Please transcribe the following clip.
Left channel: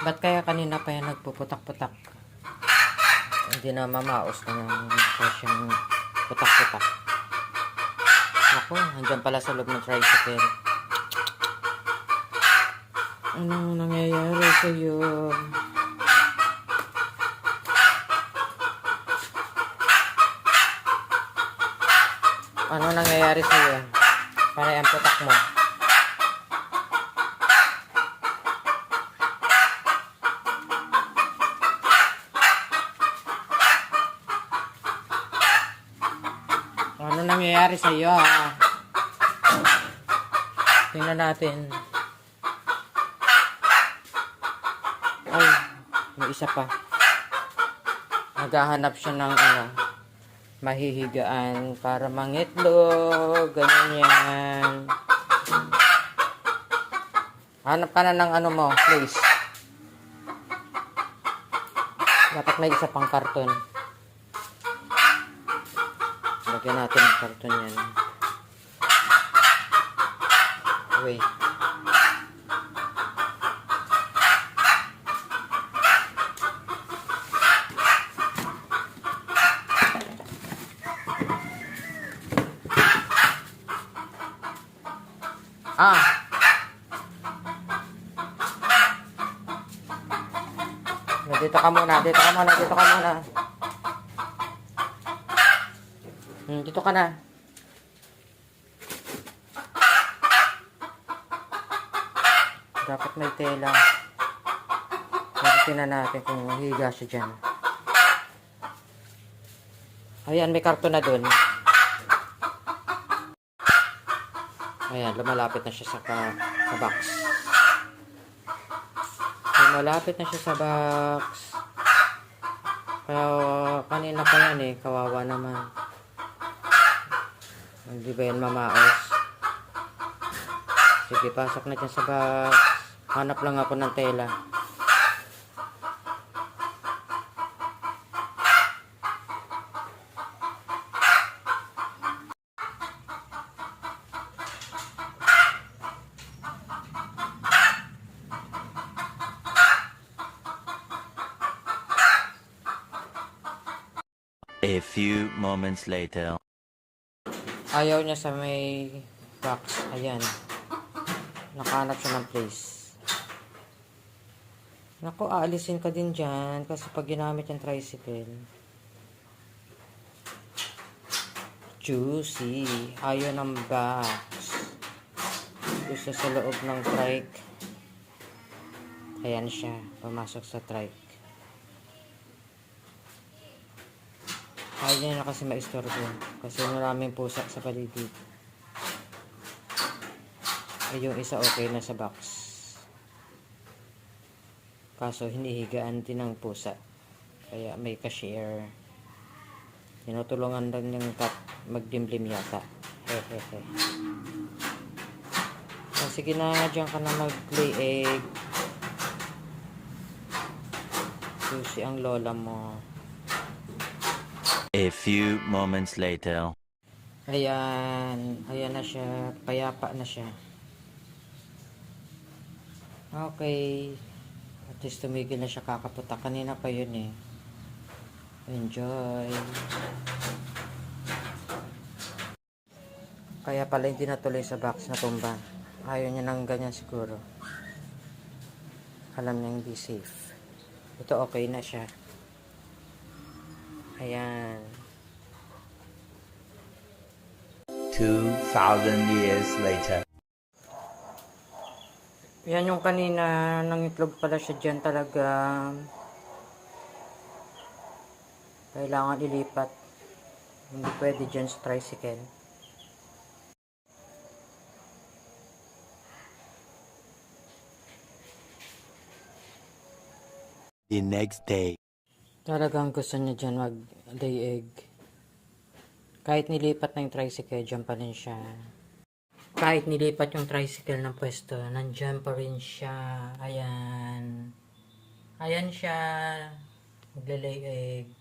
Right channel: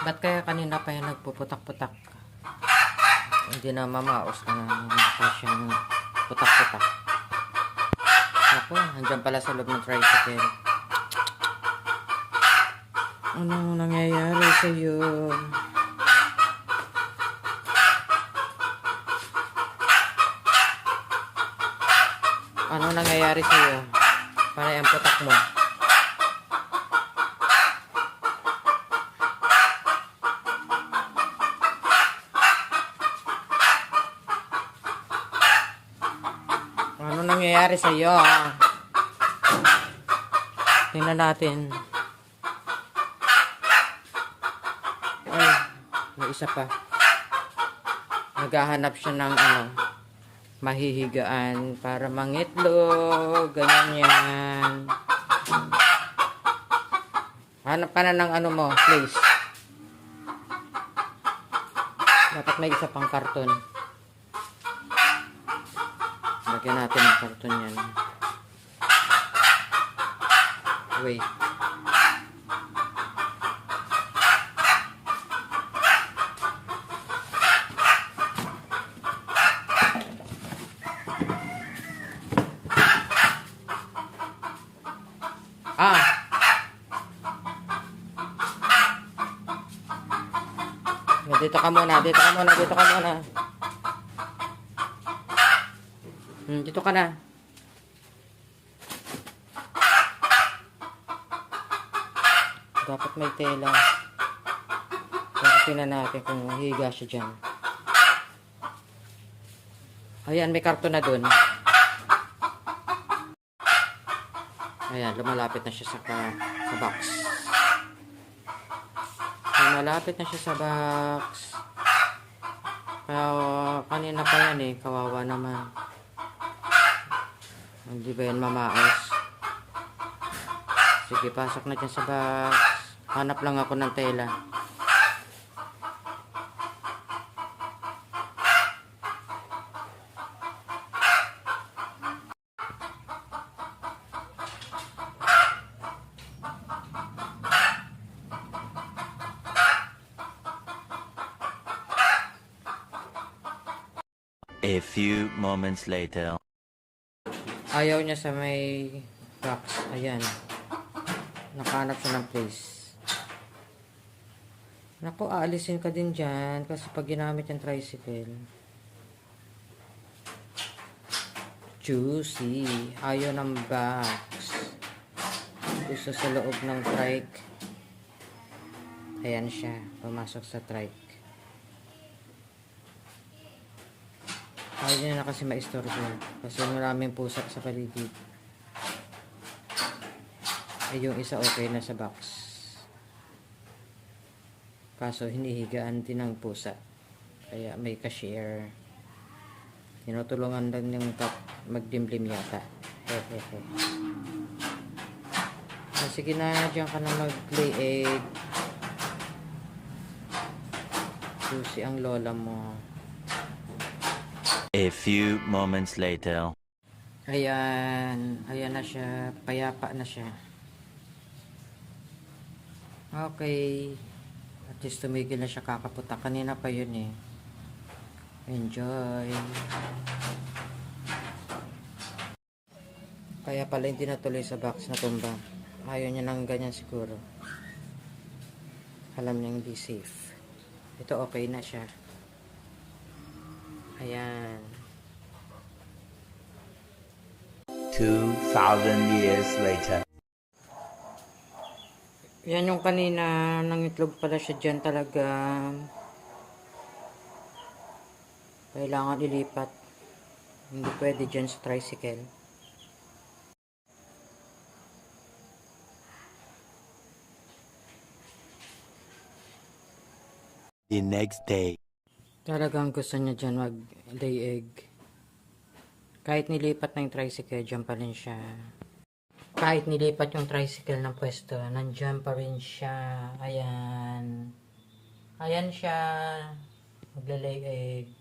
Ba't kaya kanina pa yan nagpuputak-putak? Hindi na mamaos na siyang putak-putak. Ako, andyan pala sa loob ng tricycle. Anong nangyayari sa'yo? Ano nangyayari sa'yo? Para ang putak mo. Ano nangyayari sa iyo? Tingnan natin. Ay, may isa pa. Naghahanap siya ng ano, mahihigaan para mangitlog, ganyan yan. Hanap ka na ng ano mo, please. Dapat may isa pang karton. Lagyan natin ng karton yan. Wait. Ah! Dito ka muna, dito ka muna, dito ka muna. Hmm, dito ka na. Dapat may tela. Tingnan natin kung higa siya dyan. Ayan, may karton na dun. Ayan, lumalapit na siya sa, ka, sa box. Lumalapit na siya sa box. Kaya kanina pa yan eh, kawawa naman. Hindi ba yan mamaos? Sige, pasok na dyan sa box. Hanap lang ako ng tela. A few moments later. Ayaw niya sa may box. Ayan. Nakahanap siya ng place. Naku, aalisin ka din dyan kasi pag ginamit yung tricycle. Juicy. Ayaw ng box. Gusto sa loob ng trike. Ayan siya. Pumasok sa trike. Ayaw niya na kasi maistorbo. Kasi maraming pusa sa paligid. Eh, yung isa okay na sa box. Kaso hinihigaan din ng pusa. Kaya may cashier. Tinutulungan lang yung cat magdimlim yata. Hehehe. Oh, sige na, dyan ka na mag-lay egg. Susi ang lola mo. A few moments later. Ayan. Ayan na siya. Payapa na siya. Okay. At least tumigil na siya kakaputa. Kanina pa yun eh. Enjoy. Kaya pala hindi natuloy sa box na tumba. Ayaw niya ng ganyan siguro. Alam niya hindi safe. Ito okay na siya. Ayan. 2,000 years later. Yan yung kanina, nangitlog pala siya dyan talaga. Kailangan ilipat. Hindi pwede dyan sa tricycle. The next day. Talagang gusto niya dyan mag-lay egg. Kahit nilipat na yung tricycle, dyan pa rin siya. Kahit nilipat yung tricycle ng pwesto, nandyan pa rin siya. Ayan. Ayan siya. Maglalay egg.